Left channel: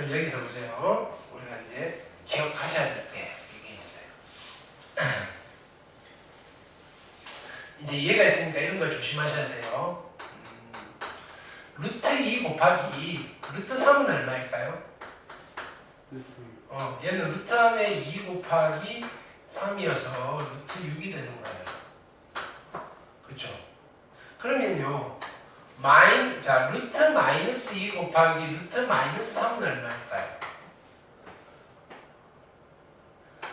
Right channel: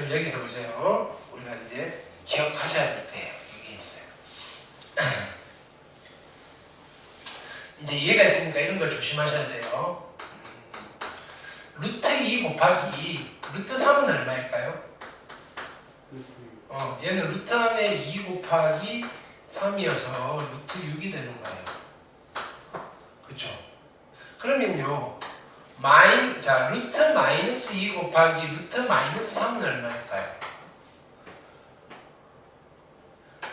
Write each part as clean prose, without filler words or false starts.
그럼 여기서 보세요. 우리가 이제 기억하셔야 될 게 이게 있어요. 이제 이해가 있으니까 이런 걸 조심하셔야 돼요. 루트 2 곱하기 루트 3은 얼마일까요? 얘는 루트 안에 2 곱하기 3이어서 루트 6이 되는 거예요. 그쵸? 그러면요, 자, 루트 마이너스 2 곱하기 루트 마이너스 3은 얼마일까요?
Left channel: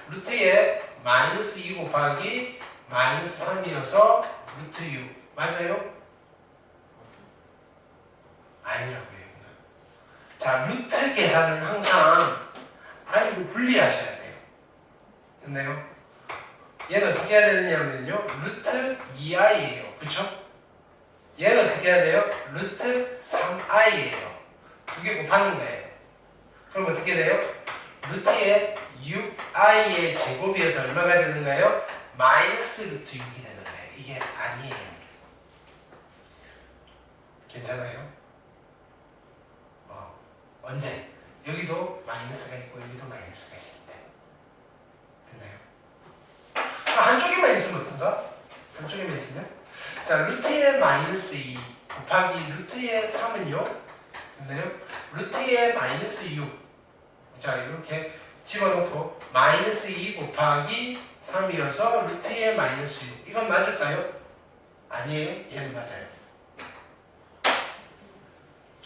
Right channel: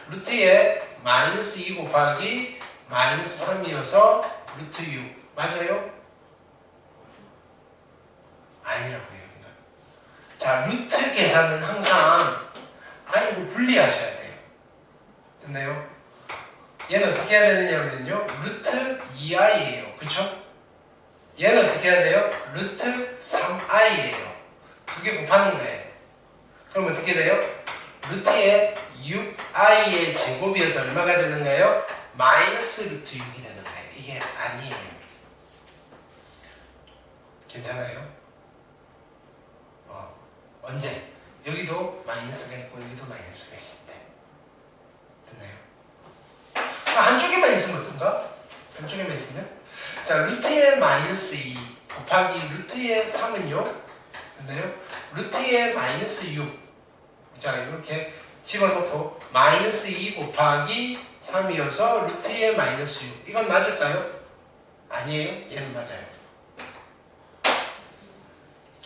루트에 마이너스 2 곱하기 마이너스 3이어서 루트 6. 맞아요? 아니라고요. 자, 루트 계산은 항상 아니고 분리하셔야 돼요. 됐나요? 얘는 어떻게 해야 되느냐면요, 루트 2i예요. 그쵸? 얘는 어떻게 해야 돼요? 루트 3i예요. 두 개 곱하는 거예요. 그럼 어떻게 돼요? 루트에 6i의 제곱이어서 얼마가 되는 거예요? 마이너스 루트 6이 되는 거예요. 이게 아니에요. 괜찮아요? 언제? 여기도 마이너스가 있고 여기도 마이너스가 있을 때. 됐나요? 한쪽에만 있으면 어떤가? 한쪽에만 있으면? 자, 루트의 마이너스 2 곱하기 루트의 3은요? 됐나요? 루트의 마이너스 6. 자, 이렇게 집어넣고 마이너스 2 곱하기 3이어서 루트의 마이너스 6. 이건 맞을까요? 아니에요? 얘는 맞아요.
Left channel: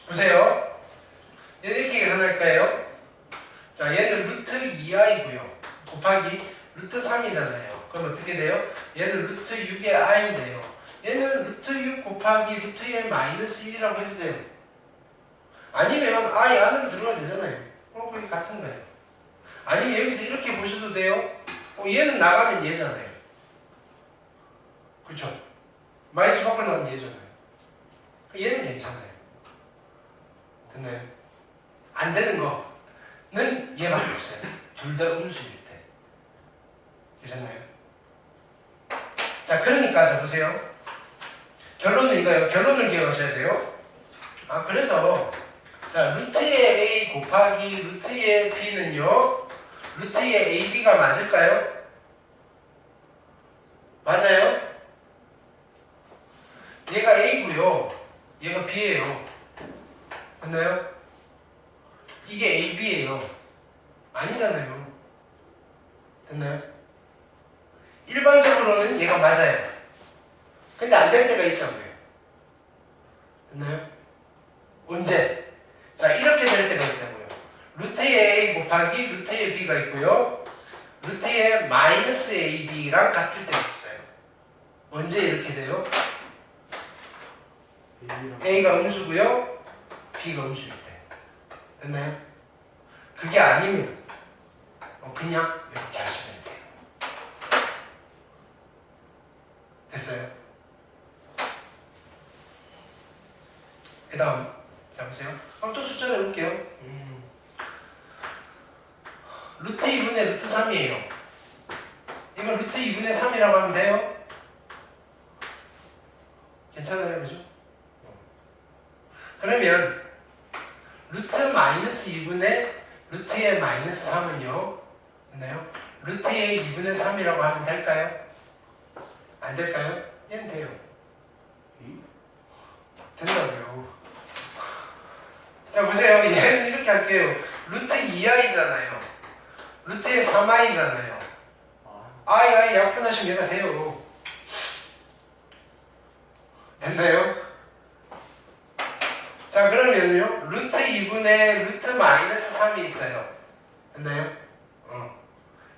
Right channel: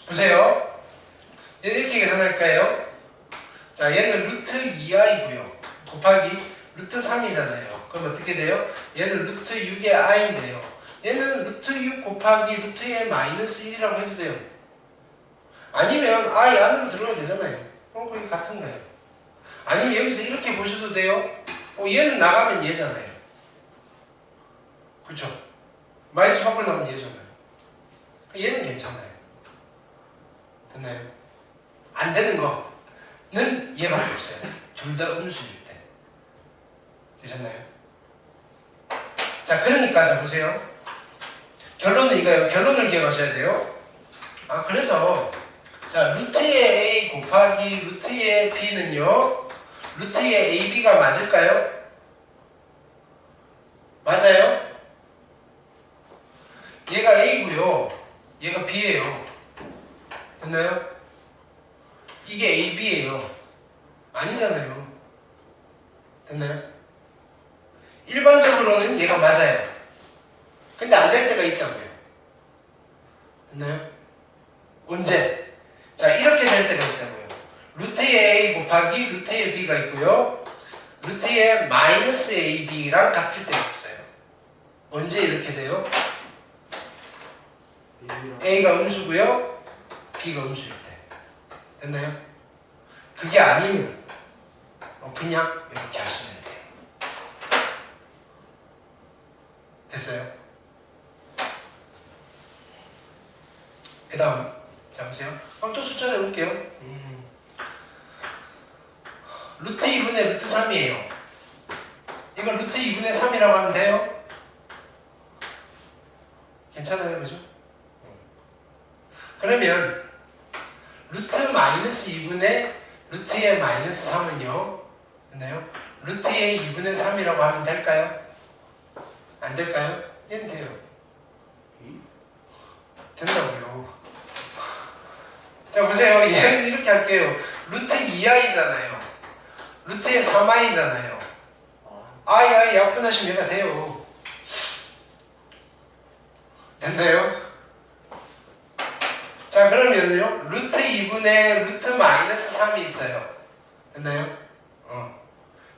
보세요. 얘는 이렇게 계산할까요? 자, 얘는 루트 2i고요. 곱하기 루트 3이잖아요. 그럼 어떻게 돼요? 얘는 루트 6의 i인데요. 얘는 루트 6 곱하기 루트의 마이너스 1이라고 해도 돼요. 아니면 i 안으로 들어가도 되잖아요. 그게 같은 거예요. 아니면 여기서 이렇게 보셔도 돼요. 얘는 나가면 얘잖아요. 그쵸? 마이너스 밖으로 나오면 얘잖아요. 얘는 괜찮아요. 됐나요? 안 되는 거는 얘밖에 없어요. 둘 다 음수일 때. 되셨나요? 자, 그러니까 자 보세요. 결론은 이거예요. 결론을 기억하셔야 돼요. 그래서 자, 루트의 a 곱하기 루트의 b는요, 루트의 ab가 맞을까요? 맞아요? 얘가 a고요. 얘가 b예요. 됐나요? 이게 AB예요. 아니잖아요. 됐나요? 일반적으로는 얘가 맞아요. 근데 안 될 때가 있다고요. 됐나요? 언제? 자, 이렇게 될 때가 있다고요. 루트의 A 곱하기 루트의 B가 있고요. 루트의 마이너스 AB랑 같을 때가 있어요. 언제 이렇게 돼요? A가 음수고요. B가 음수일 때. 됐나요? 그게 아니면 그냥 이렇게 하시면 돼요. 됐어요? 그 다음 자 보세요. 그럼 또 숫자를 해볼게요. 루트 2분의 루트 3이에요. 이건 루트 2분의 3이라고 하면 돼요? 괜찮아요? 그죠? 그러면 루트 마이너스 2분의 루트의 마이너스 3은요? 됐나요? 루트의 2분의 3이라고 하면 될까요? 안 될까요? 얘는 돼요. 된다고요. 자 보세요. 얘는 이렇게 할게요. 루트 2i잖아요. 루트의 3i잖아요. i 약분하시면 얘가 돼요. 됐나요? 자 그러면요 루트 2분의 루트 마이너스 3이 있어요. 됐나요?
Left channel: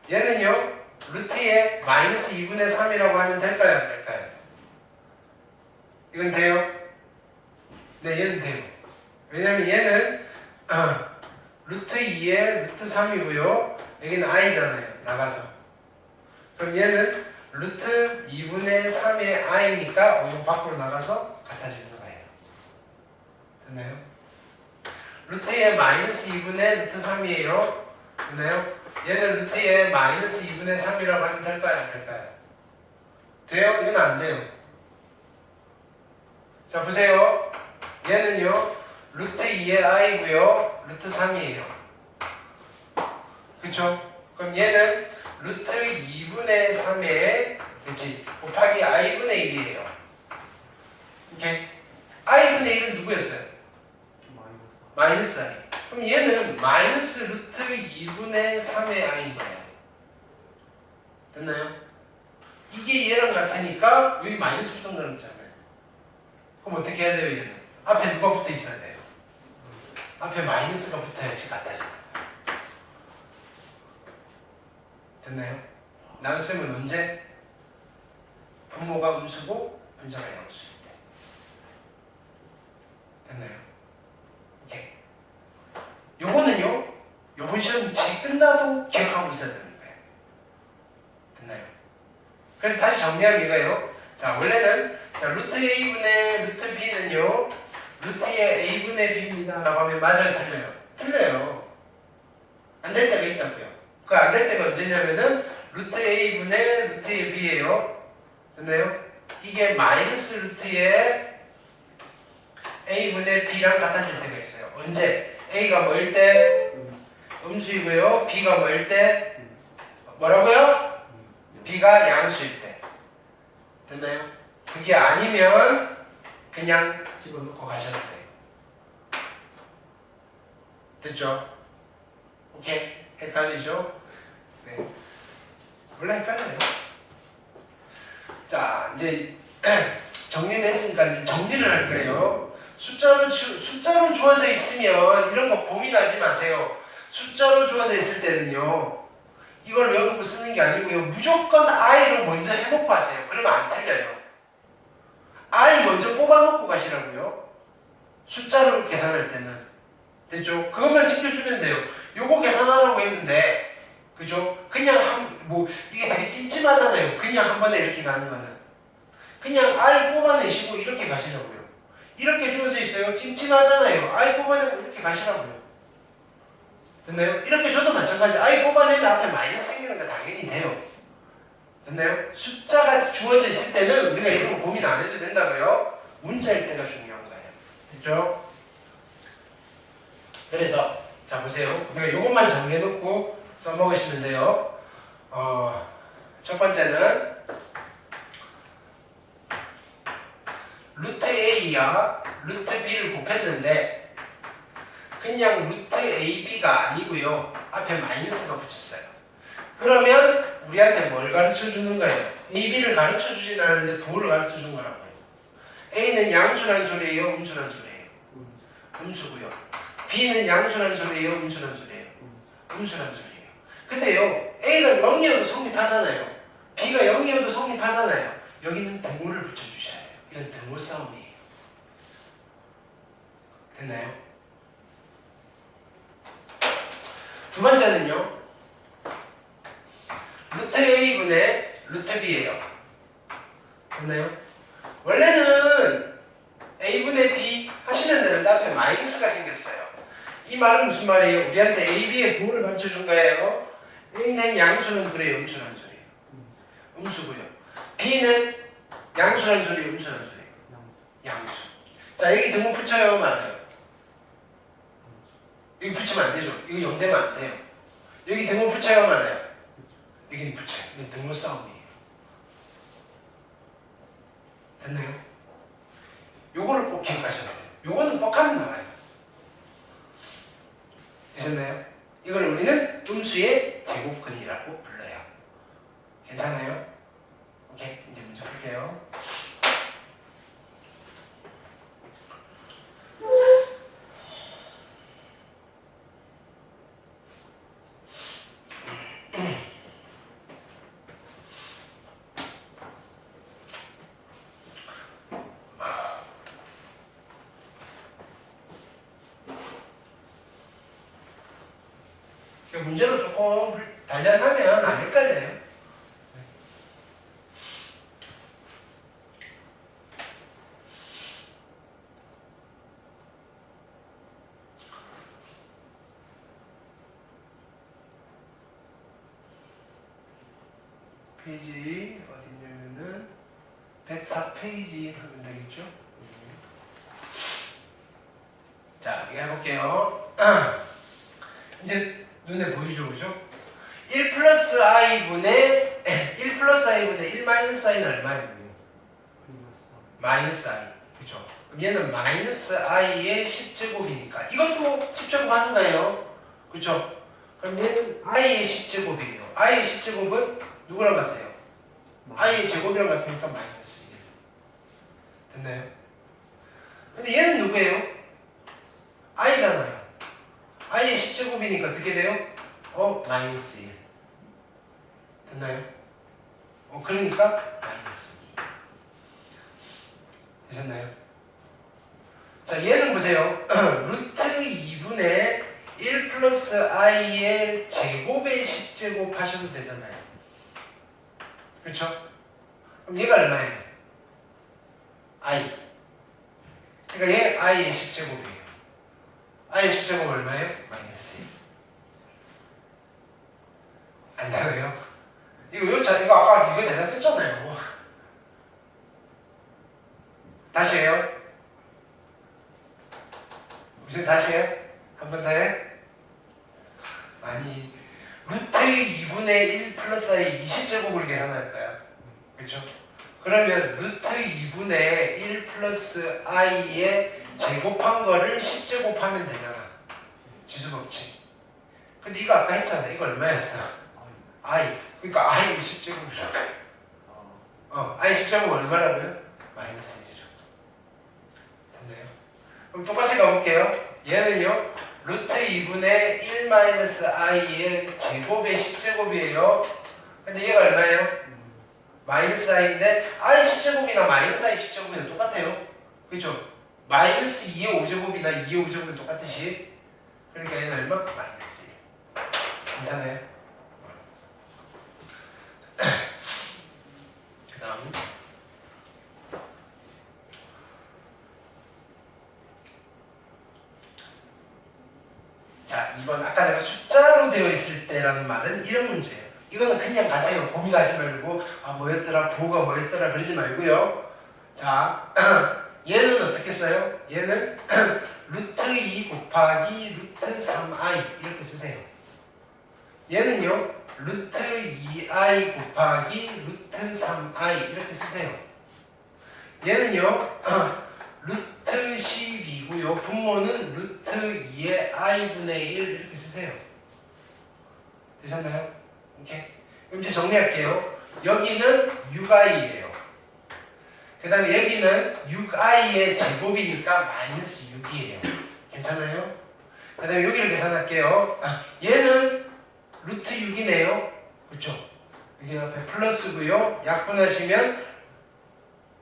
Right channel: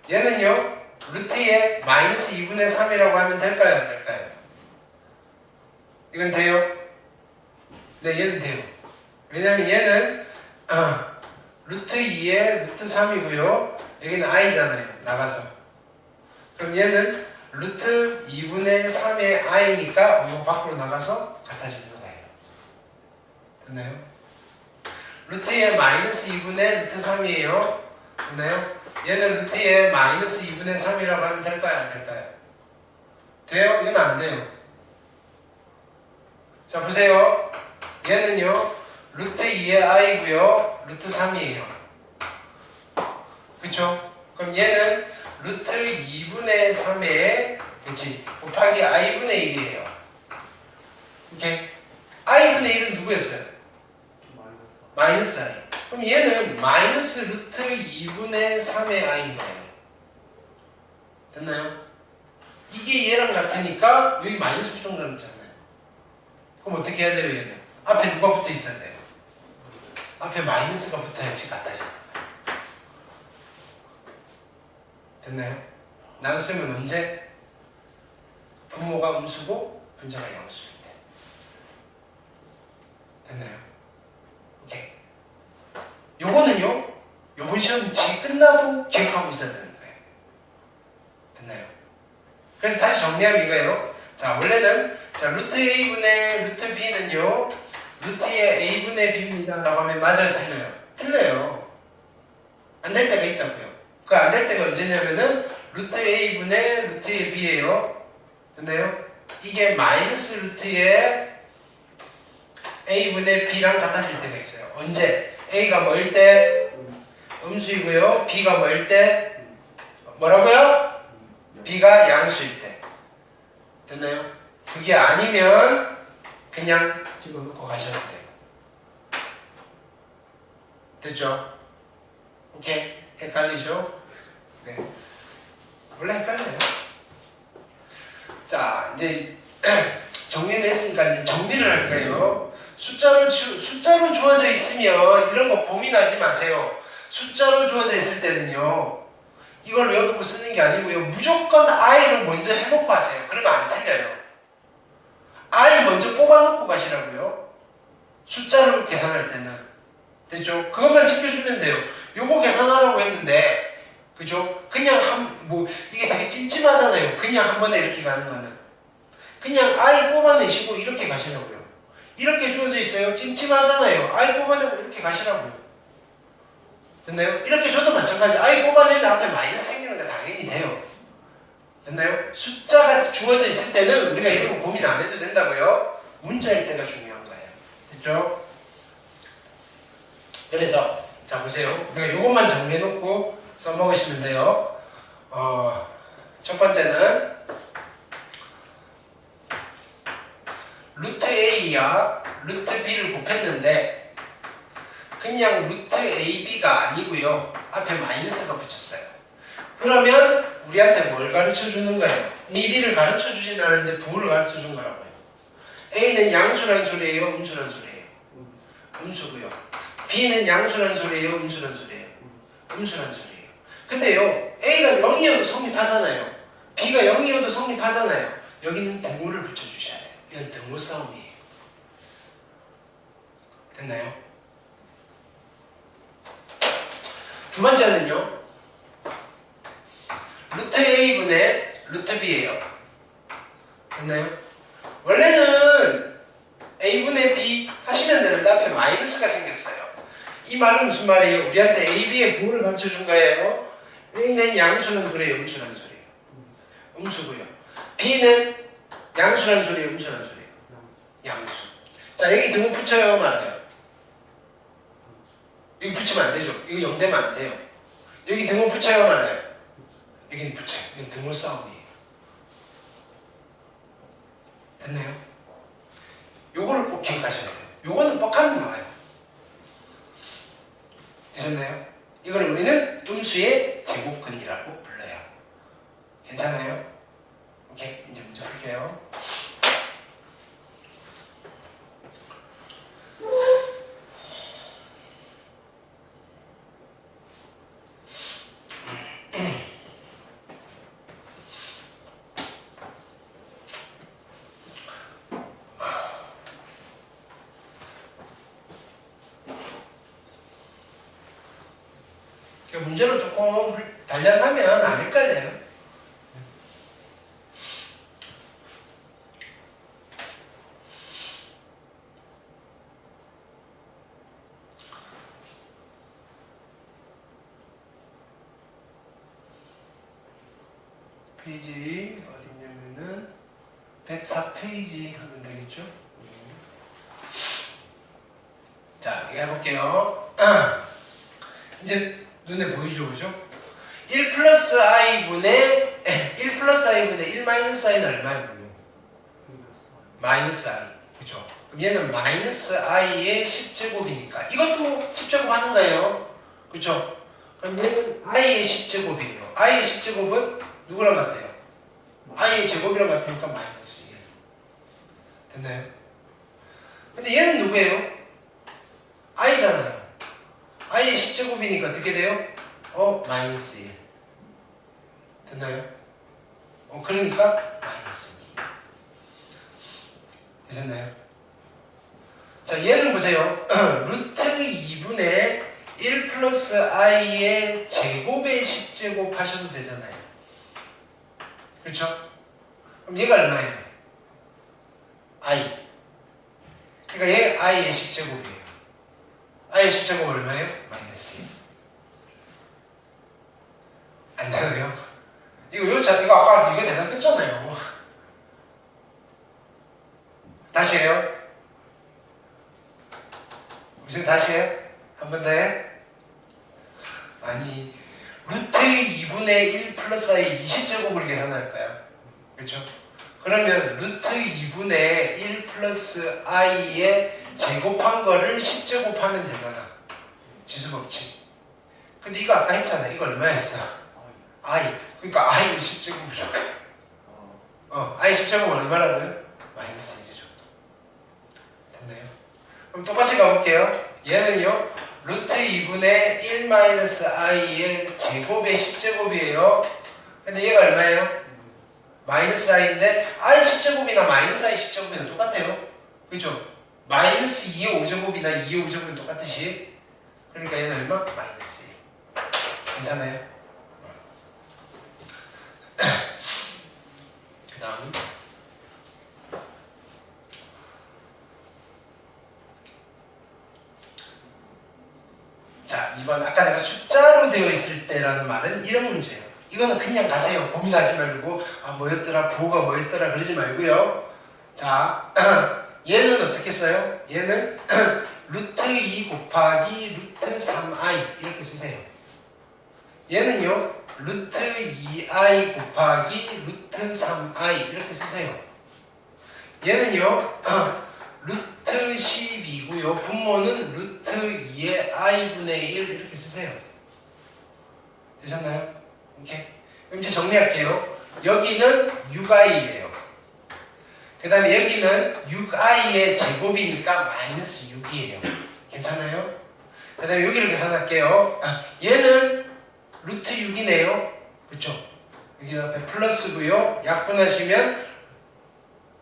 얘는요 루트의 마이너스 2분의 3이라고 하면 될까요? 안 될까요? 이건 돼요? 네, 얘는 돼요. 왜냐면 얘는 루트 2의 루트 3이고요. 여기는 i잖아요. 나가서. 그럼 얘는 루트 2분의 3의 i니까 이거 밖으로 나가서 같아지는 거예요. 됐나요? 루트의 마이너스 2분의 루트 3이에요. 됐나요? 얘는 루트의 마이너스 2분의 3이라고 하면 될까요? 안 될까요? 돼요? 얘는 안 돼요. 자 보세요. 얘는요 루트 2의 i고요. 루트 3이에요. 그쵸? 그럼 얘는 루트 2분의 3의 그치? 곱하기 i분의 1이에요. 오케이? i분의 1은 누구였어요? 마이너스 i. 그럼 얘는 마이너스 루트 2분의 3의 i인가요? 됐나요? 이게 얘랑 같으니까 여기 마이너스 붙은 거잖아요. 그럼 어떻게 해야 돼요 얘는? 앞에 누가 붙어 있어야 돼요? 앞에 마이너스가 붙어야지 같아져. 됐나요? 나눗셈은 언제? 분모가 음수고 분자가 양수일 때. 됐나요? 오케이. 요거는요, 요번 시험 끝나도 기억하고 있어야 되는 거예요. 됐나요? 그래서 다시 정리하면 이거예요. 자, 원래는 자, 루트 a분의 루트 b는요, 루트의 a분의 b입니다 라고 하면 맞아요, 틀려요? 틀려요. 안 될 때가 있다고요. 그 안 될 때가 언제냐면은 루트 a분의 루트의 b예요. 됐나요? 이게 마이너스 루트의 a분의 b랑 같아질 때가 있어요. 언제? a가 뭐일 때? 음수이고요. b가 뭐일 때? 뭐라고요? b가 양수일 때. 됐나요? 그게 아니면 그냥 집어넣고 가셔도 돼요. 됐죠? 오케이? 헷갈리죠? 네. 원래 헷갈려요. 자, 이제 정리를 했으니까 이제 정리를 할 거예요. 숫자로 주어져 있으면 이런 거 고민하지 마세요. 숫자로 주어져 있을 때는요, 이걸 외우고 쓰는 게 아니고요, 무조건 I를 먼저 해놓고 하세요. 그러면 안 틀려요. R 먼저 뽑아놓고 가시라고요. 숫자로 계산할 때는. 됐죠? 그것만 지켜주면 돼요. 요거 계산하라고 했는데, 그죠? 그냥 이게 되게 찜찜하잖아요. 그냥 한 번에 이렇게 가는 거는. 그냥 R 뽑아내시고 이렇게 가시라고요. 이렇게 주어져 있어요. 찜찜하잖아요. R 뽑아내고 이렇게 가시라고요. 됐나요? 이렇게 줘도 마찬가지. R 뽑아내면 앞에 마이너스 생기는 거 당연히 돼요. 됐나요? 숫자가 주어져 있을 때는 우리가 이런 거 고민 안 해도 된다고요. 문자일 때가 중요한 거예요. 됐죠? 그래서 자 보세요. 우리가 이것만 정리해놓고 써먹으시면 돼요. 첫 번째는 루트 A와 루트 B를 곱했는데 그냥 루트 AB가 아니고요. 앞에 마이너스가 붙였어요. 그러면 우리한테 뭘 가르쳐 주는 거예요? AB를 가르쳐 주진 않았는데 부호를 가르쳐 준 거라고요. A는 양수란 소리예요? 음수란 소리예요? 음수고요. B는 양수란 소리예요? 음수란 소리예요? 음수란 소리예요. 근데요, A가 0이어도 성립하잖아요. B가 0이어도 성립하잖아요. 여기는 등호를 붙여주셔야 돼요. 이건 등호 싸움이에요. 됐나요? 두 번째는요, 루트 A분의 루트 B예요. 됐나요? 원래는 A분의 B 하시면 되는데 앞에 마이너스가 생겼어요. 이 말은 무슨 말이에요? 우리한테 AB의 부호를 가르쳐준 거예요. A는 양수란 소리예요? 음수란 소리예요? 음수고요. B는 양수란 소리예요? 음수란 소리예요? 양수. 자, 여기 등호 붙여요? 말아요? 여기 붙이면 안 되죠? 이거 0 되면 안 돼요. 여기 등호 붙여요? 말아요? 여기는 붙여요. 이건 등호 싸움이에요. 됐나요? 요거를 꼭 기억하셔야 돼요. 요거는 뻑하면 나와요. 되셨나요? 이걸 우리는 음수의 제곱근이라고 불러요. 괜찮아요? 오케이, 이제 문제 풀게요. 문제로 조금 단련하면 안 헷갈려요. 페이지 어디냐면은 104페이지 하면 되겠죠? 자, 이거 해볼게요. 이제 눈에 보이죠, 그죠? 1 플러스 i분의 1 마이너스 i는 얼마예요? 마이너스 i. 그죠? 그럼 얘는 마이너스 i의 10제곱이니까 이것도 10제곱 하는 거예요. 그죠? 그럼 얘는 i의 10제곱이에요. i의 10제곱은 누구랑 같아요? i의 제곱이랑 같으니까 마이너스 1. 됐나요? 근데 얘는 누구예요? i잖아요. i의 10제곱이니까 어떻게 돼요? 마이너스 1. 됐나요? 그러니까 마이너스 2. 되셨나요? 자, 얘는 보세요. 루트 2분의 1 플러스 i의 제곱의 10제곱 하셔도 되잖아요. 그렇죠? 그럼 얘가 얼마예요? i. 그러니까 얘 i의 10제곱이에요. i의 10제곱 얼마예요? 마이너스 1. 안 되나요? 이거 아까 이거 대답했잖아요. 다시 해요. 무슨 다시 해요? 한 번 더 해. 아니, 루트 2분의 1 플러스 i 20제곱을 계산할까요? 그렇죠? 그러면 루트 2분의 1 플러스 i의 제곱한 거를 10제곱하면 되잖아. 지수법칙. 근데 이거 아까 했잖아. 이거 얼마였어? i. 그러니까 i 10제곱이라고. i 10제곱 얼마라고요? 마이너스 1이죠. 됐나요? 그럼 똑같이 가볼게요. 얘는요. 루트 2분의 1 마이너스 i의 제곱의 10제곱이에요. 근데 얘가 얼마예요? 마이너스 i인데 i 10제곱이나 마이너스 i 10제곱이나 똑같아요. 그렇죠? 마이너스 2의 5제곱이나 2의 5제곱은 똑같듯이. 그러니까 얘는 얼마? 마이너스 1. 괜찮아요? 그 다음 자, 이번 아까 내가 숫자로 되어 있을 때라는 말은 이런 문제예요. 이거는 그냥 가세요. 고민하지 말고 뭐였더라, 부호가 뭐였더라 그러지 말고요. 자, 얘는 어떻게 써요? 얘는 루트 2 곱하기 루트 3i 이렇게 쓰세요. 얘는요. 루트 2i 곱하기 루트 3i 이렇게 쓰세요. 얘는요. 루트 10이고요. 분모는 루트 2의 i분의 1 이렇게 쓰세요. 되셨나요? 오케이. 그럼 이제 정리할게요. 여기는 6i예요. 그 다음에 여기는 6i의 제곱이니까 마이너스 6이에요. 괜찮아요? 그 다음에 여기를 계산할게요. 얘는 루트 6이네요. 그렇죠? 여기 앞에 플러스고요. 약분하시면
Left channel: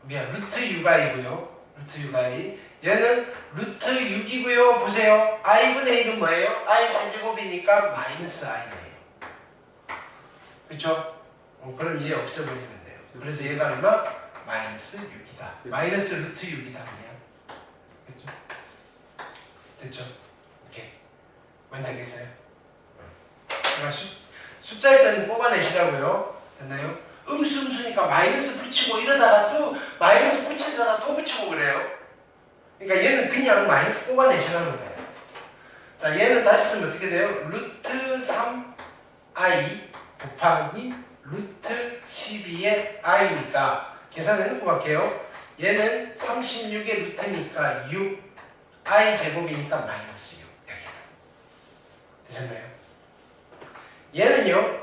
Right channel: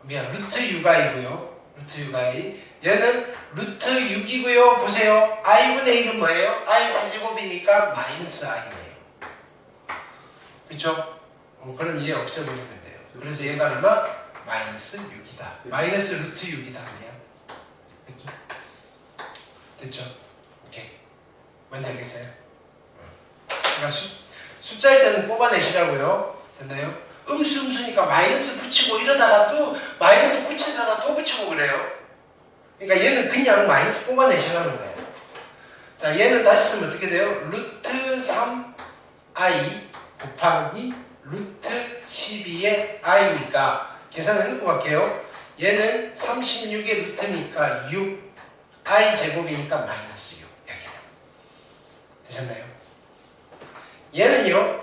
루트 6i고요. 루트 6i. 얘는 루트 6이고요. 보세요. i분의 1은 뭐예요? i 4제곱이니까 마이너스 i네요. 그렇죠? 그럼 얘 없애버리면 돼요. 그래서 얘가 얼마? 마이너스 6이다. 마이너스 루트 6이다. 아니야? 됐죠? 됐죠? 오케이. 뭔지 알겠어요? 그러니까 숫자일 때는 뽑아내시라고요. 됐나요? 음수니까 마이너스 붙이고 이러다가 또 마이너스 붙이다가 또 붙이고 그래요. 그러니까 얘는 그냥 마이너스 뽑아내시라는 거예요. 자, 얘는 다시 쓰면 어떻게 돼요? 루트 3i 곱하기 루트 12의 i니까 계산해놓고 갈게요. 얘는 36의 루트니까 6i 제곱이니까 마이너스 6. 여기다. 되셨나요? 얘는요.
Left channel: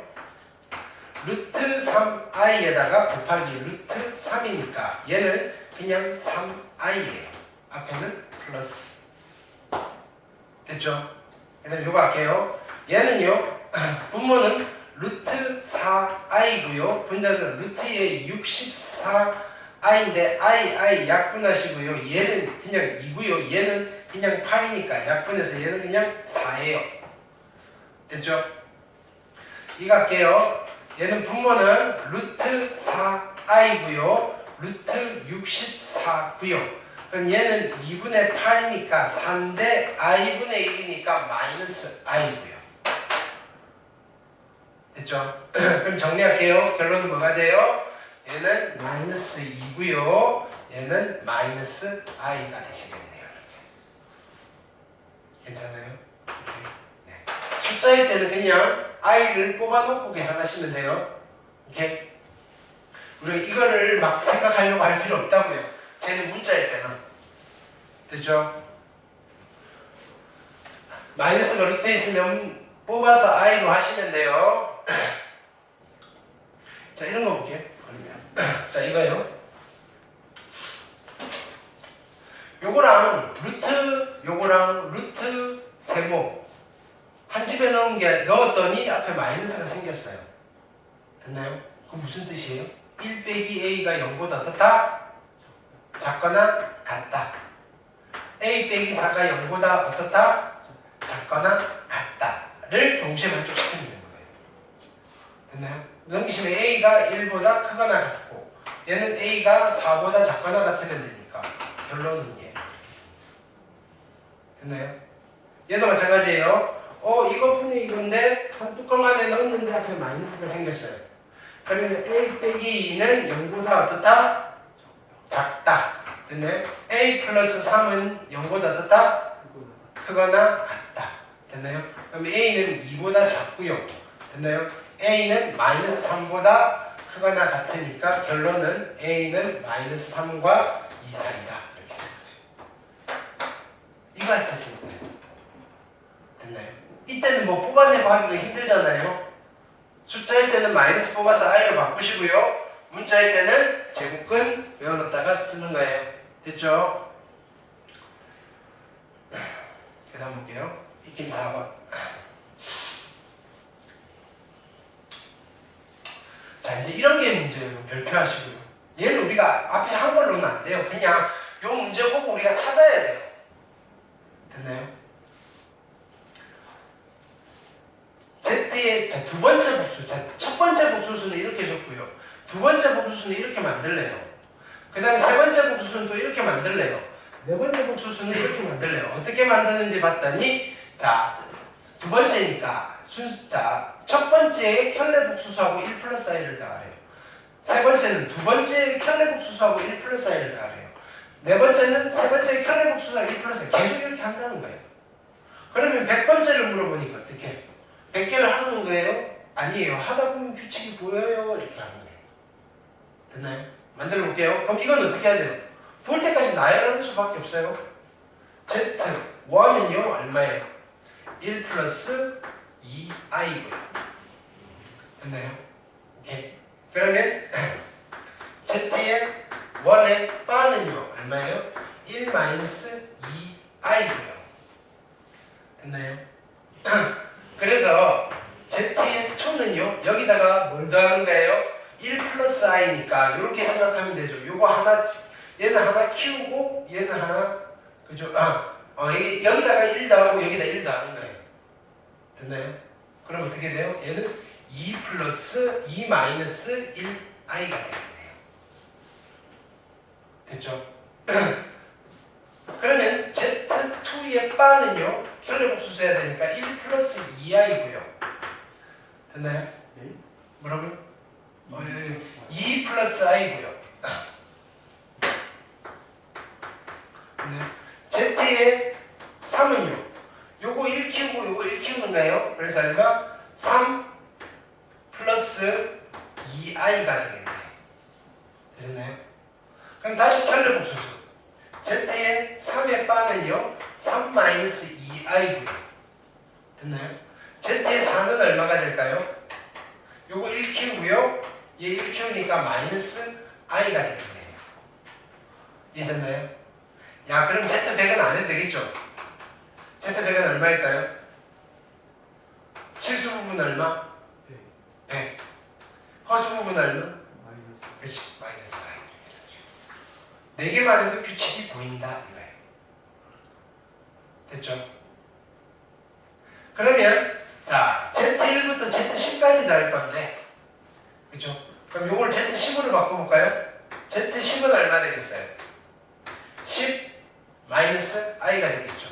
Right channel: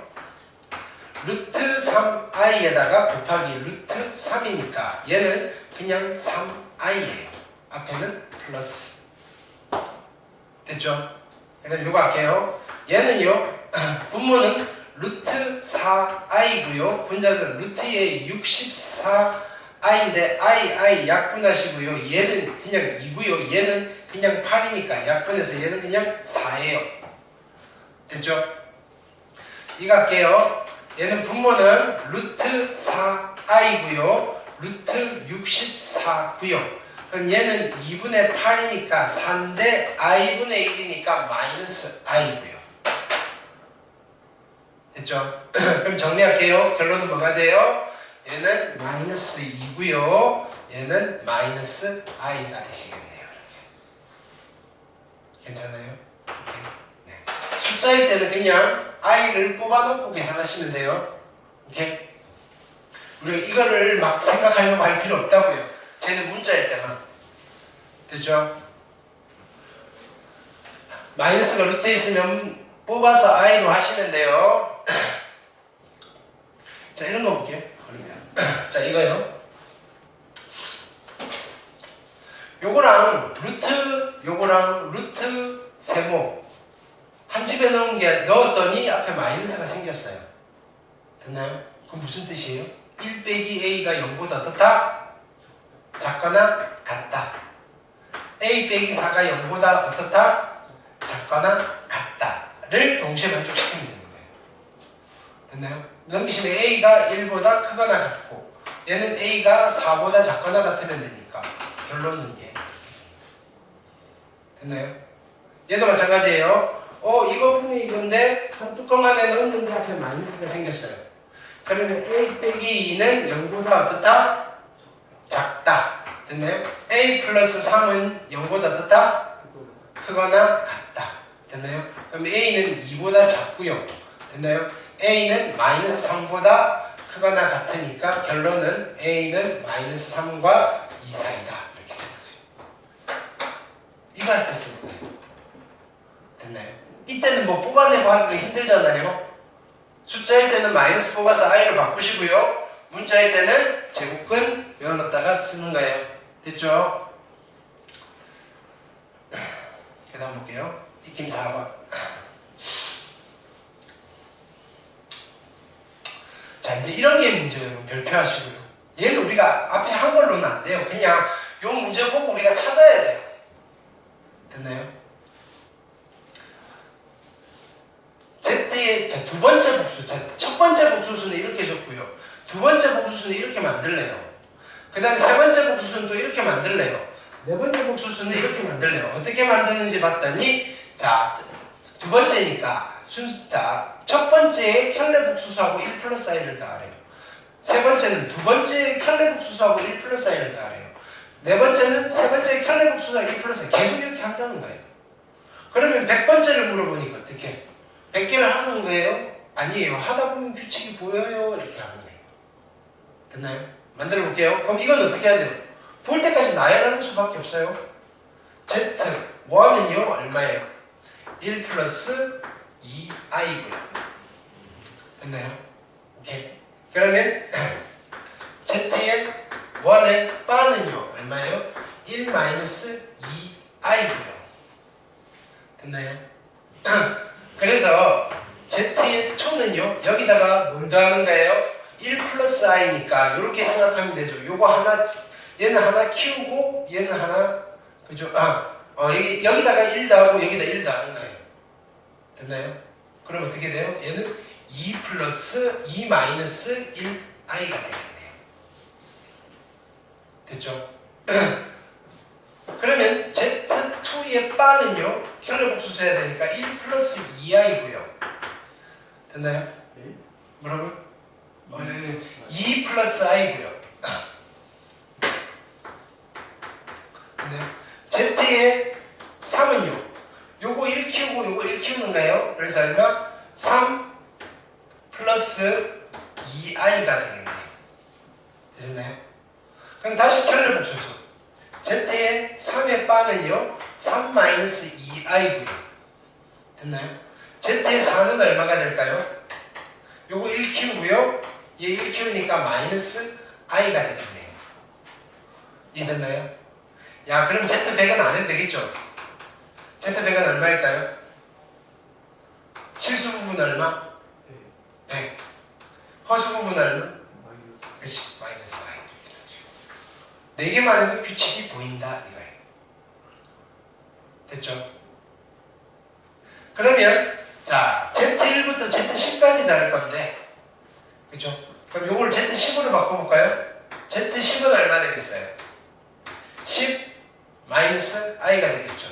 루트 3i에다가 곱하기 루트 3이니까 얘는 그냥 3i예요. 앞에는 플러스. 됐죠? 그 다음 요거 할게요. 얘는요. 분모는 루트 4i고요. 분자는 루트의 64i인데 i 약분하시고요. 얘는 그냥 2고요. 얘는 그냥 8이니까 약분해서 얘는 그냥 4예요. 됐죠? 이거 할게요. 얘는 분모는 루트 4i고요. 루트 64고요. 그럼 얘는 2분의 8이니까 4인데 i분의 1이니까 마이너스 i고요. 됐죠? 그럼 정리할게요. 결론은 뭐가 돼요? 얘는 마이너스 2고요. 얘는 마이너스 i가 되시겠네요. 괜찮아요? 네. 숫자일 때는 그냥 i를 뽑아놓고 계산하시면 돼요. 오케이? 우리가 이거를 막 생각하려고 할 필요 없다고요. 쟤는 문자일 때만. 됐죠? 마이너스가 루트에 있으면 뽑아서 i로 하시면 돼요. 자, 이런 거 볼게요. 그러면 자, 이거요. 요거랑 루트 세모 한 집에 넣었더니 앞에 마이너스가 생겼어요. 됐나요? 그럼 무슨 뜻이에요? 1 빼기 a가 0보다 어떻다? 작거나 같다. a 빼기 4가 0보다 어떻다? 작거나 같다를 동시에 만족시키면 되는 거예요. 됐나요? 넘기시면 a가 1보다 크거나 같고 얘는 a가 4보다 작거나 같으면 되니까 결론은 얘. 됐나요? 얘도 마찬가지예요. 이거분이 이건데 한 뚜껑 안에 넣었는데 앞에 마이너스가 생겼어요. 그러면 a 빼기 2는 0보다 어떻다? 작다. 됐나요? a 플러스 3은 0보다 어떻다? 크거나 같다. 됐나요? 그럼 a는 2보다 작고요. 됐나요? a는 마이너스 3보다 크거나 같으니까 결론은 a는 마이너스 3과 2 사이다. 이렇게 되는 거예요. 이거 할 때 쓰는 거예요. 됐나요? 이때는 뭐 뽑아내고 하기가 힘들잖아요. 숫자일 때는 마이너스 뽑아서 i로 바꾸시고요. 문자일 때는 제곱근 외워놓다가 쓰는 거예요. 됐죠? 그 다음 볼게요. 익힘 4번. 자, 이제 이런 게 문제예요. 별표하시고요. 얘는 우리가 앞에 한 걸로는 안 돼요. 그냥 요 문제 보고 우리가 찾아야 돼요. 됐나요? Z의 두 번째 복수, 첫 번째 복수수는 이렇게 줬고요. 두 번째 복수수는 이렇게 만들래요. 그 다음에 세 번째 복수수는 또 이렇게 만들래요. 네 번째 복수수는 이렇게 만들래요. 어떻게 만드는지 봤더니 자, 두 번째니까 첫 번째에 켤레 복수수하고 1 플러스 i를 더하래요. 세 번째는 두 번째 켤레 복수수하고 1 플러스 i를 더하래요. 네 번째는 세 번째 켤레 복수수하고 1 플러스 i 계속 이렇게 한다는 거예요. 그러면 100번째를 물어보니까 어떻게? 100개를 하는 거예요? 아니에요. 하다 보면 규칙이 보여요. 이렇게 하는 거예요. 됐나요? 만들어 볼게요. 그럼 이건 어떻게 해야 돼요? 볼 때까지 나열하는 수밖에 없어요. Z, 1은요, 얼마예요? 1 플러스 2i고요. 됐나요? 오케이. 그러면 Z의 1의 바는요, 얼마예요? 1 마이너스 2i고요. 됐나요? 그래서 Z의 2는요, 여기다가 뭘 더하는 거예요? 1 플러스 i니까 이렇게 생각하면 되죠. 요거 하나, 얘는 하나 키우고 얘는 하나, 그죠? 여기다가 1 더하고 여기다 1 더하는 거예요. 됐나요? 그럼 어떻게 돼요? 얘는 2 플러스 2 마이너스 1i가 되겠네요. 됐죠? 그러면 Z2의 바는요, 켤레 복수 써야 되니까 1 플러스 2i고요. 됐나요? 뭐라고요? 2 플러스 i고요. 네. Z의 3은요. 요거 1 키우고 요거 1 키우는 거예요. 그래서 얼마? 3 플러스 2i가 되겠네요. 되셨나요? 그럼 다시 켤레 복수수. Z의 3의 바는요. 3 마이너스 2i고요. 됐나요? Z의 4는 얼마가 될까요? 요거 1 키우고요. 얘 1 키우니까 마이너스 i가 되겠네요. 이해됐나요? 야, 그럼 Z100은 안 해도 되겠죠? Z100은 얼마일까요? 실수 부분 얼마? 100. 허수 부분 얼마? 그렇지, 마이너스 i. 4개만 해도 규칙이 보인다 이거예요. 됐죠? 그러면 자, Z1부터 Z10까지 날 건데, 그쵸? 그럼 요걸 Z10으로 바꿔볼까요? Z10은 얼마 되겠어요? 10 마이너스 i가 되겠죠.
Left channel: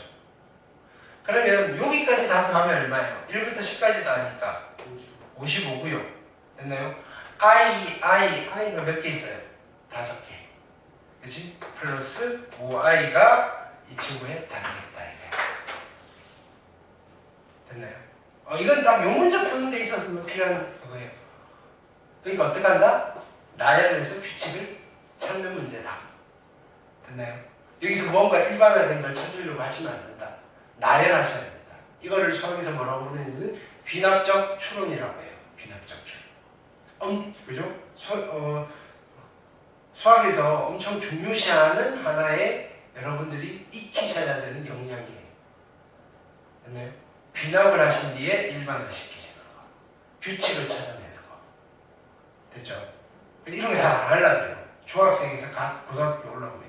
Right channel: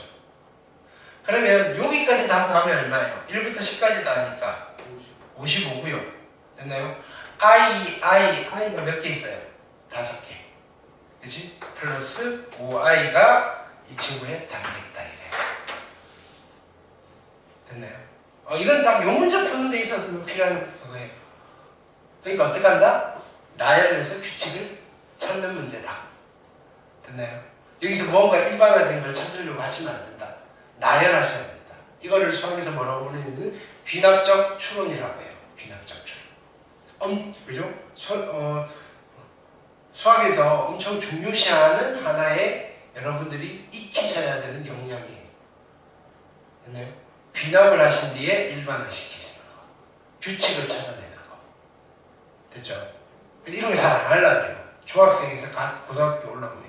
그러면 여기까지 다 더하면 얼마예요? 1부터 10까지 다 하니까 55고요. 됐나요? i가 몇 개 있어요? 5개. 그치? 플러스 5i가 이 친구에 답이겠다. 이래요. 이건 딱 요 문제 푸는 데 있어서 필요한 그거예요. 그러니까 어떻게 한다? 나열을 해서 규칙을 찾는 문제다. 됐나요? 여기서 뭔가 일반화된 걸 찾으려고 하시면 안 된다. 나열하셔야 된다. 이거를 수학에서 뭐라고 부르는 귀납적 추론이라고 해요. 귀납적 추론. 그죠? 수학에서 엄청 중요시하는 하나의 여러분들이 익히셔야 되는 역량이에요. 됐나요? 귀납을 하신 뒤에 일반화시키시는 거. 규칙을 찾아내는 거. 됐죠? 이런 거 잘 안 하려고 해요. 중학생에서 고등학교 올라오면.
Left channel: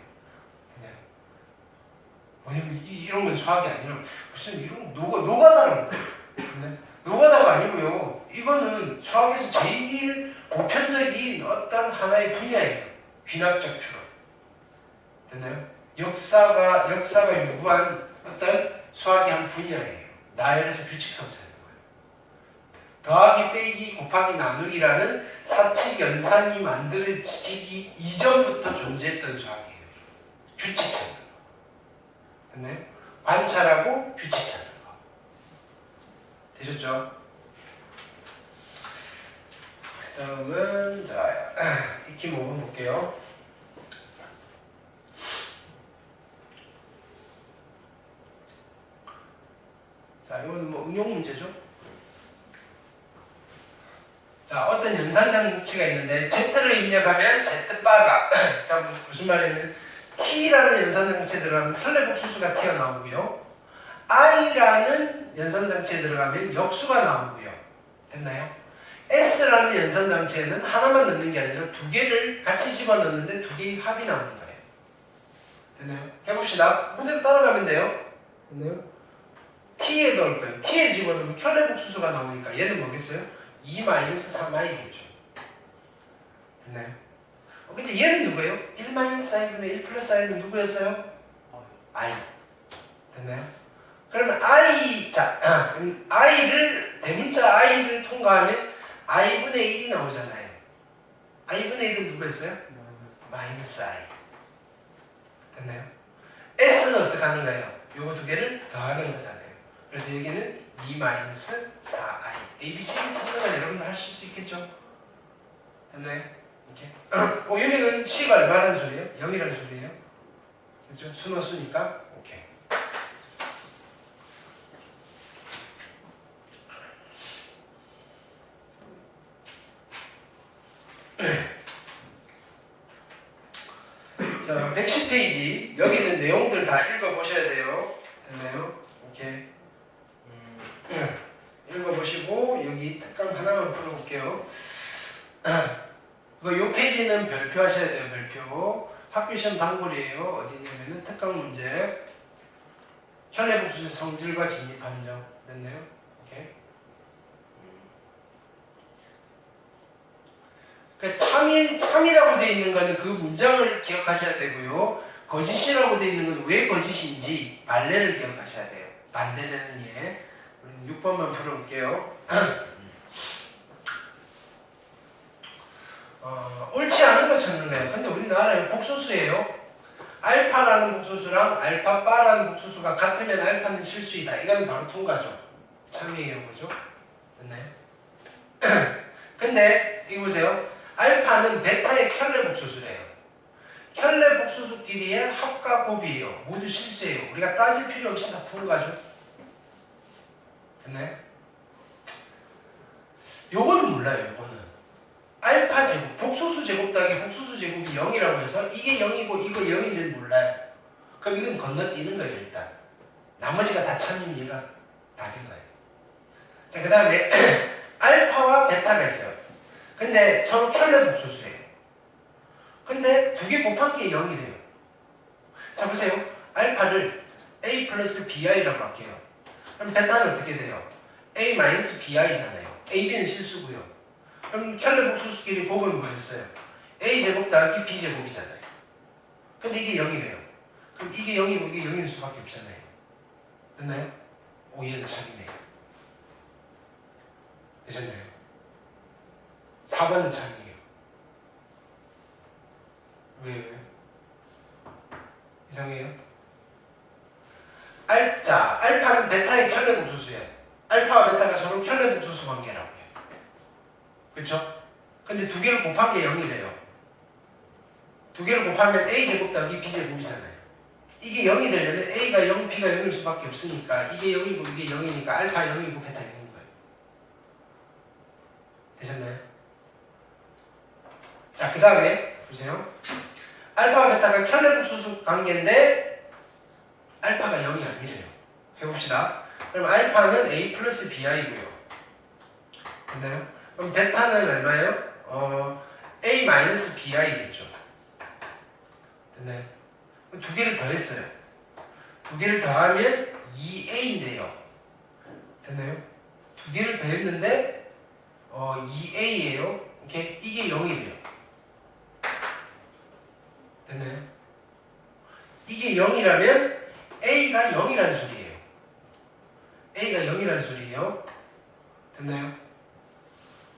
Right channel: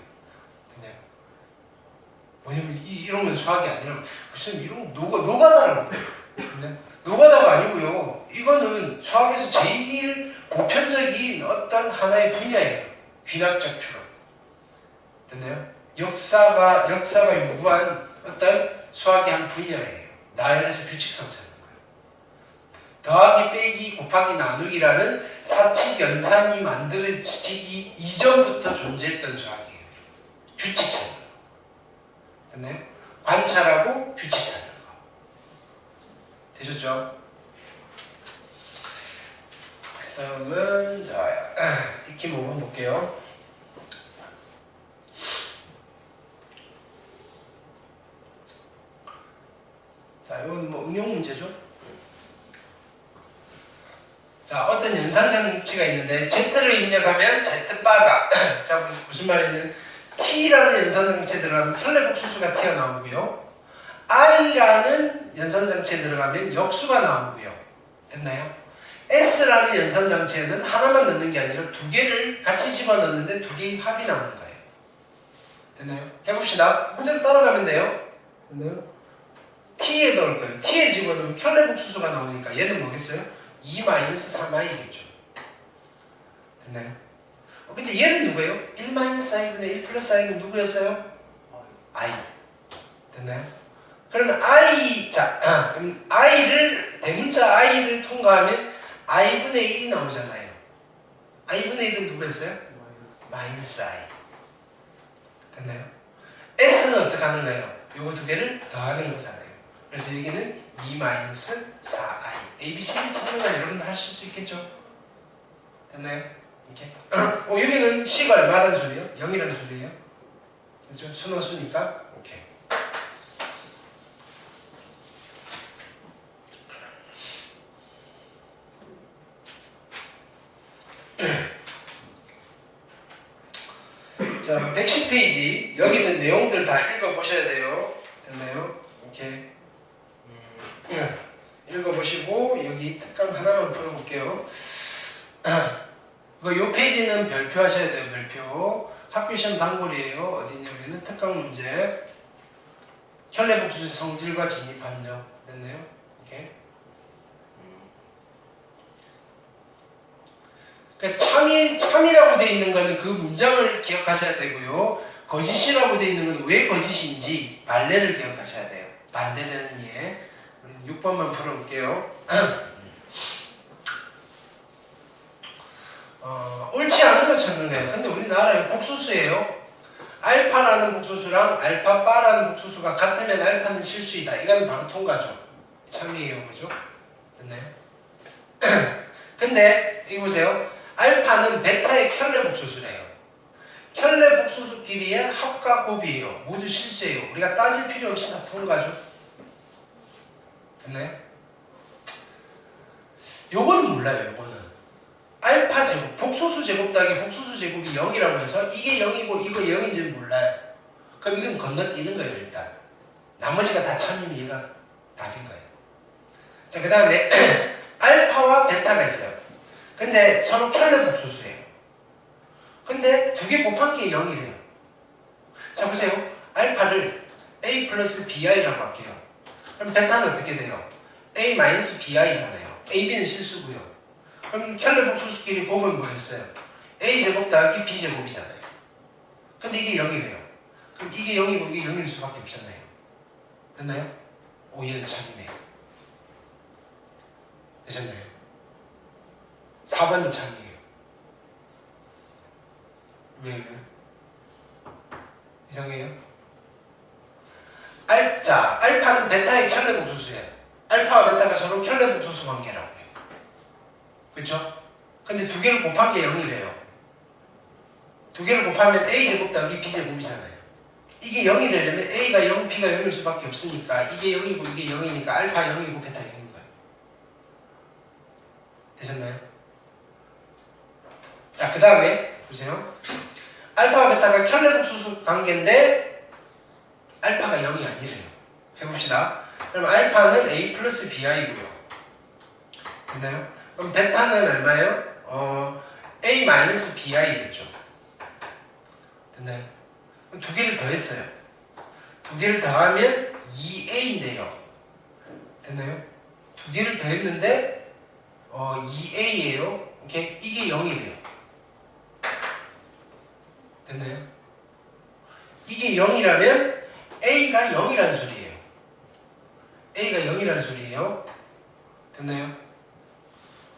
왜냐면 이런 건 수학이 아니라 무슨 이런 노가다라고 해요. 노가다가 아니고요. 이거는 수학에서 제일 보편적인 어떤 하나의 분야예요. 귀납적 추론. 됐나요? 역사가 요구한 어떤 수학의 한 분야예요. 나열에서 규칙 성사하는 거예요. 더하기, 빼기, 곱하기, 나누기라는 사칙 연산이 만들어지기 이전부터 존재했던 수학이에요. 규칙 찾는 거. 됐나요? 관찰하고 규칙 찾는 거. 되셨죠? 그 다음은 자 익히 모분 볼게요. 자, 이건 뭐 응용 문제죠? 자, 어떤 연산장치가 있는데 Z를 입력하면 Z바가 자, 무슨 말이냐면 T라는 연산장치에 들어가면 혈내복수수가 튀어나오고요. I라는 연산장치에 들어가면 역수가 나오고요. 됐나요? S라는 연산장치에는 하나만 넣는 게 아니라 두 개를 같이 집어넣는데 두 개의 합이 나오는 거예요. 됐나요? 해봅시다. 그대로 따라가면 돼요. 됐나요? T에 넣을 거예요. T에 집어넣으면 혈내복수수가 나오니까 얘는 뭐겠어요? 2-3i겠죠. 됐나요? 근데 얘는 누구예요? 1-i분의 1 플러스 i는 누구였어요? i. 됐나요? 그러면 그럼 i를, 대문자 i를 통과하면 i분의 1이 나오잖아요. i분의 1은 누구였어요? 마이너스 i. 됐나요? s는 어떻게 하는 거예요? 요거 두 개를 더하는 거잖아요. 그래서 여기는 2-4i. ABC를 찾는 건 여러분들 하실 수 있겠죠? 됐나요? 이렇게. 여기는 C가 얼마라는 소리예요? 0이라는 소리예요. 그렇죠? 순호수니까 오케이. 자, 110페이지. 여기는 내용들 다 읽어보셔야 돼요. 됐나요? 오케이. 읽어보시고 여기 특강 하나만 풀어볼게요. 요 페이지는 별표 하셔야 돼요. 별표. 학교시험 단골이에요. 어디냐면은 특강 문제. 혈내복수 성질과 진입 판정. 됐나요? 오케이. 그러니까 참이라고 되어 있는 거는 그 문장을 기억하셔야 되고요. 거짓이라고 되어 있는 건 왜 거짓인지 말레를 기억하셔야 돼요. 반대되는 예. 6번만 풀어볼게요. 옳지 않은 거 찾는 거예요. 근데 우리나라에 복소수예요. 알파라는 복소수랑 알파바라는 복소수가 같으면 알파는 실수이다. 이건 바로 통과죠. 참이에요. 그죠? 됐나요? 근데 이거 보세요. 알파는 베타의 켤레 복소수래요. 켤레 복소수끼리의 합과 곱이에요. 모두 실수예요. 우리가 따질 필요 없이 다 통과죠. 됐나요? 요건 몰라요. 요거는 알파 제곱, 복소수 제곱 더하기 복소수 제곱이 0이라고 해서 이게 0이고 이거 0인지는 몰라요. 그럼 이건 건너뛰는 거예요. 일단 나머지가 다 참이면 얘가 답인 거예요. 자, 그 다음에 알파와 베타가 있어요. 근데 서로 켤레 복소수예요. 근데 두 개 곱한 게 0이래요. 자, 보세요. 알파를 a 플러스 bi라고 할게요. 그럼 베타는 어떻게 돼요? a 마이너스 bi잖아요. ab는 실수고요. 그럼 켤레 복소수끼리 곱은 뭐였어요? a 제곱 더하기 b 제곱이잖아요. 근데 이게 0이래요. 그럼 이게 0이고 이게 0일 수밖에 없잖아요. 됐나요? 오, 얘는 참이네요. 되셨나요? 4번은 참이에요. 왜? 이상해요? 알파는 베타의 켤레 복소수예요. 알파와 베타가 서로 켈레 복소수 관계라고 해요. 그쵸? 근데 두 개를 곱한 게 0이래요. 두 개를 곱하면 a제곱 더하기 b제곱이잖아요. 이게 0이 되려면 a가 0, b가 0일 수밖에 없으니까 이게 0이고 이게 0이니까 알파 0이고 베타 0인 거예요. 되셨나요? 자, 그 다음에 보세요. 알파와 베타가 켈레 복소수 관계인데 알파가 0이 아니래요. 해봅시다. 그럼 알파는 a 플러스 bi고요. 됐나요? 그럼 베타는 얼마예요? a 마이너스 bi겠죠. 됐나요? 두 개를 더했어요. 두 개를 더하면 2a인데요. 됐나요? 두 개를 더했는데 2a예요. 이게 0이래요. 됐나요? 이게 0이라면 a가 0이라는 소리예요. a가 0이라는 소리예요. 됐나요?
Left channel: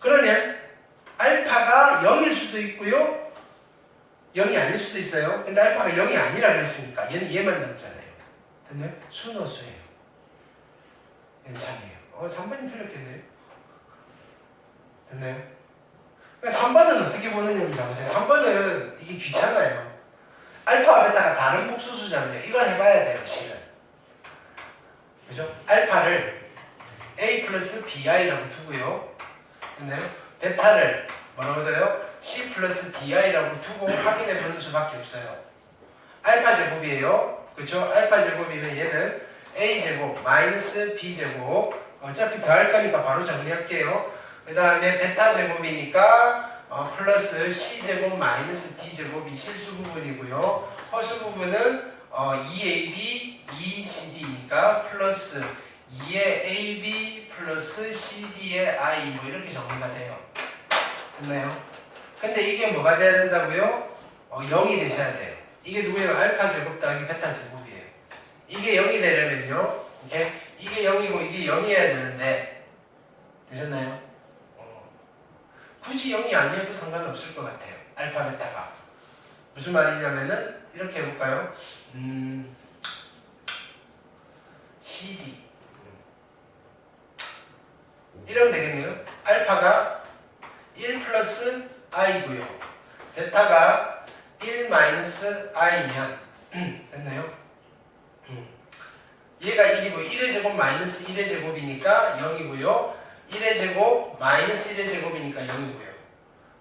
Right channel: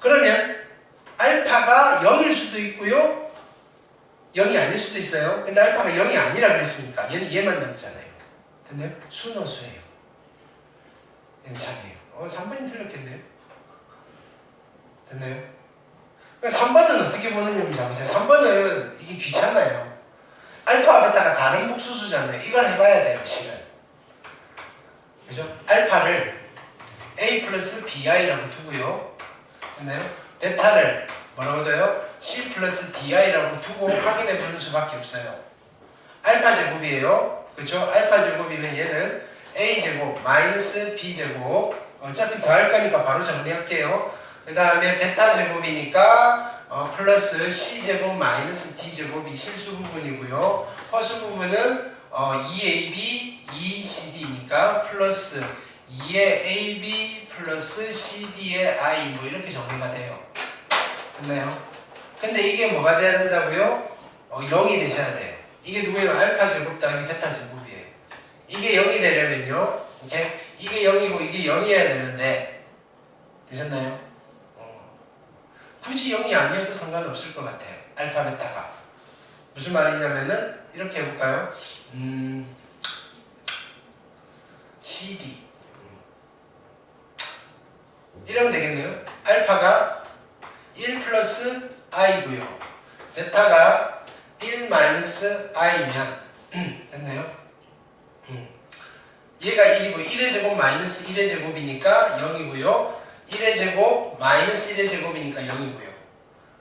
그러면 알파가 0일 수도 있고요. 0이 아닐 수도 있어요. 근데 알파가 0이 아니라 그랬으니까 얘만 남잖아요. 됐나요? 순호수예요. 얘는 참이에요. 3번이 틀렸겠네요. 됐나요? 그러니까 3번은 어떻게 보느냐 보세요. 3번은 이게 귀찮아요. 알파와 베타가 다른 복수수잖아요. 이걸 해봐야 돼요. 식은. 그죠? 알파를 a 플러스 bi라고 두고요. 됐나요? 베타를 뭐라고 둬요? c 플러스 di라고 두고 확인해 보는 수밖에 없어요. 알파 제곱이에요. 그렇죠? 알파 제곱이면 얘는 a 제곱 마이너스 b 제곱 어차피 더할 거니까 바로 정리할게요. 그 다음에 베타 제곱이니까 플러스 c 제곱 마이너스 d 제곱이 실수 부분이고요. 허수 부분은 2ab 2cd니까 플러스 2의 ab 플러스 cd의 i 뭐 이렇게 정리가 돼요. 됐나요? 근데 이게 뭐가 돼야 된다고요? 0이 되셔야 돼요. 이게 누구예요? 알파 제곱 더하기 베타 제곱이에요. 이게 0이 되려면요. 오케이? 이게 0이고 이게 0이어야 되는데 되셨나요? 굳이 0이 아니어도 상관없을 것 같아요. 알파 베타가. 무슨 말이냐면은 이렇게 해볼까요? CD 이러면 되겠네요. 알파가 1 플러스 i고요. 베타가 1 마이너스 i면 됐나요? 얘가 1이고 1의 제곱 마이너스 1의 제곱이니까 0이고요. 1의 제곱 마이너스 1의 제곱이니까 0이고요.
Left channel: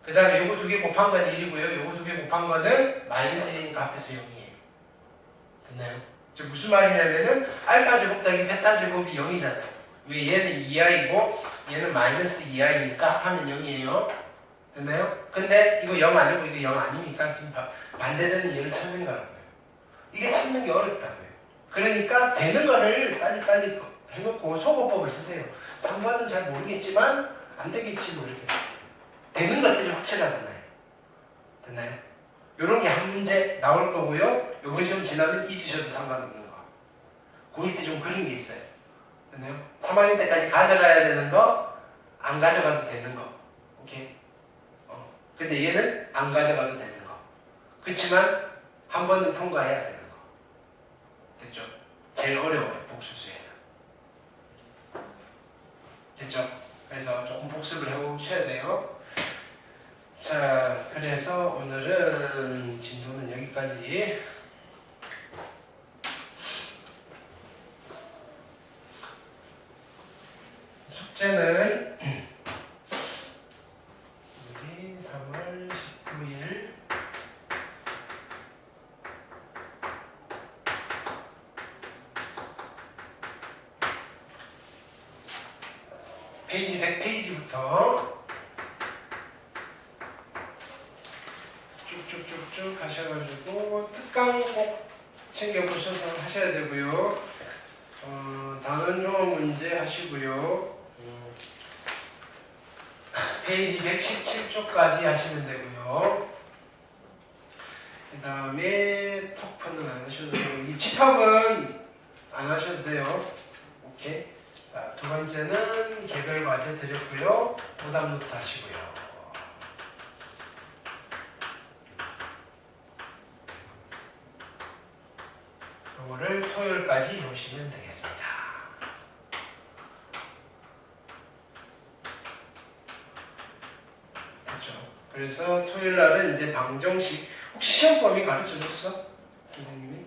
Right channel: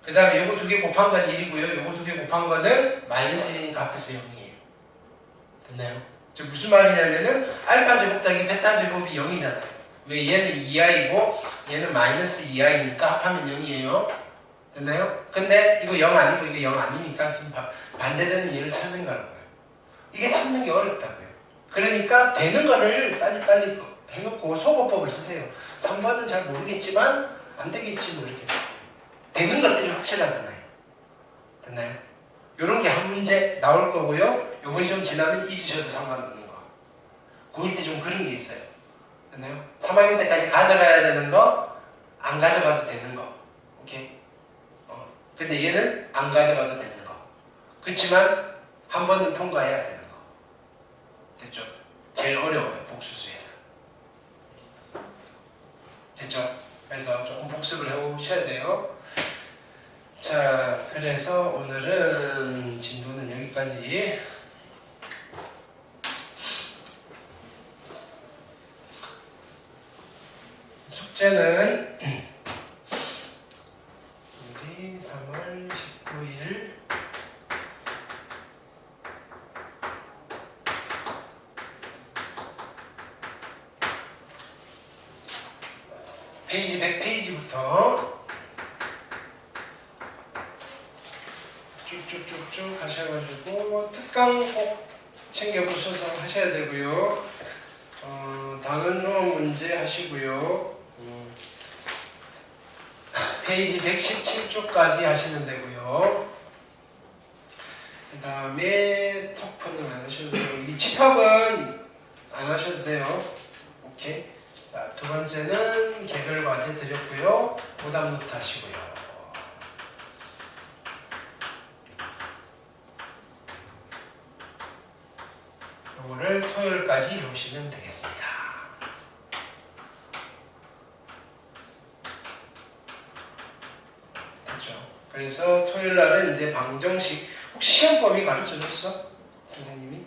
그 다음에 요거 두 개 곱한 건 1이고요. 요거 두 개 곱한 거는 마이너스 1이니까 합해서 0이에요. 됐나요? 즉 무슨 말이냐면은 알파 제곱 더하기 베타 제곱이 0이잖아요. 왜 얘는 2i고 얘는 마이너스 2i니까 합하면 0이에요. 됐나요? 근데 이거 0 아니고 이게 0 아니니까 지금 반대되는 얘를 찾는 거라고요. 이게 찾는 게 어렵다고요. 그러니까 되는 거를 빨리 해놓고 소거법을 쓰세요. 3번은 잘 모르겠지만 안 되겠지 모르겠어요. 되는 것들이 확실하잖아요. 됐나요? 요렇게 한 문제 나올 거고요. 요번이 좀 지나면 잊으셔도 상관없는 거. 고1 때 좀 그런 게 있어요. 됐나요? 3학년 때까지 가져가야 되는 거, 안 가져가도 되는 거. 오케이? 근데 얘는 안 가져가도 되는 거. 그렇지만 한 번은 통과해야 되는 거. 됐죠? 제일 어려워요. 복수수에서. 됐죠? 그래서 조금 복습을 해오셔야 돼요. 자, 그래서 오늘은 진도는 여기까지. 숙제는 우리 3월 19일 페이지 100페이지부터 쭉쭉쭉쭉 하셔가지고 특강 꼭 챙겨보셔서 하셔야 되고요. 단원 종합 문제 하시고요. 페이지 117쪽까지 하시면 되고요. 그 다음에 토프는 안 하셔도 되고 이 집합은 안 하셔도 돼요. 오케이. 자, 두 번째는 개별 과제 드렸고요. 오답 노트 하시고요. 요거를 토요일까지 해오시면 되겠습니다. 그래서 토요일 날은 이제 방정식. 혹시 시험 범위 가르쳐줬어? 선생님이?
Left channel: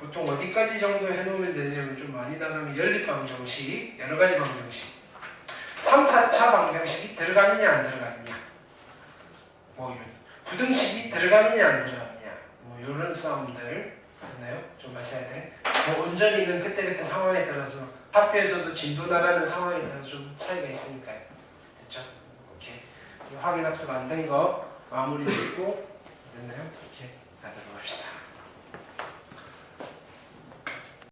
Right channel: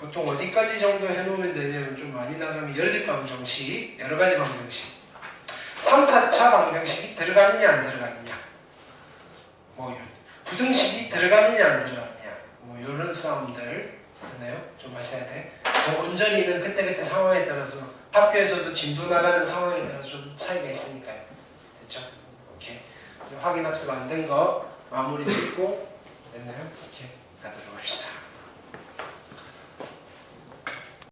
보통 어디까지 정도 해놓으면 되냐면 좀 많이 나가면 연립 방정식, 여러 가지 방정식. 3, 4차 방정식이 들어갔냐 안 들어갔냐. 뭐 부등식이 들어갔냐 안 들어갔냐. 뭐 이런 싸움들 됐나요? 좀 하셔야 돼. 온전히는 그때그때 상황에 따라서 학교에서도 진도 나가는 상황에 따라서 좀 차이가 있으니까요. 됐죠? 오케이. 확인 학습 안 된 거 마무리 짓고 됐나요? 오케이. 자, 들어갑시다.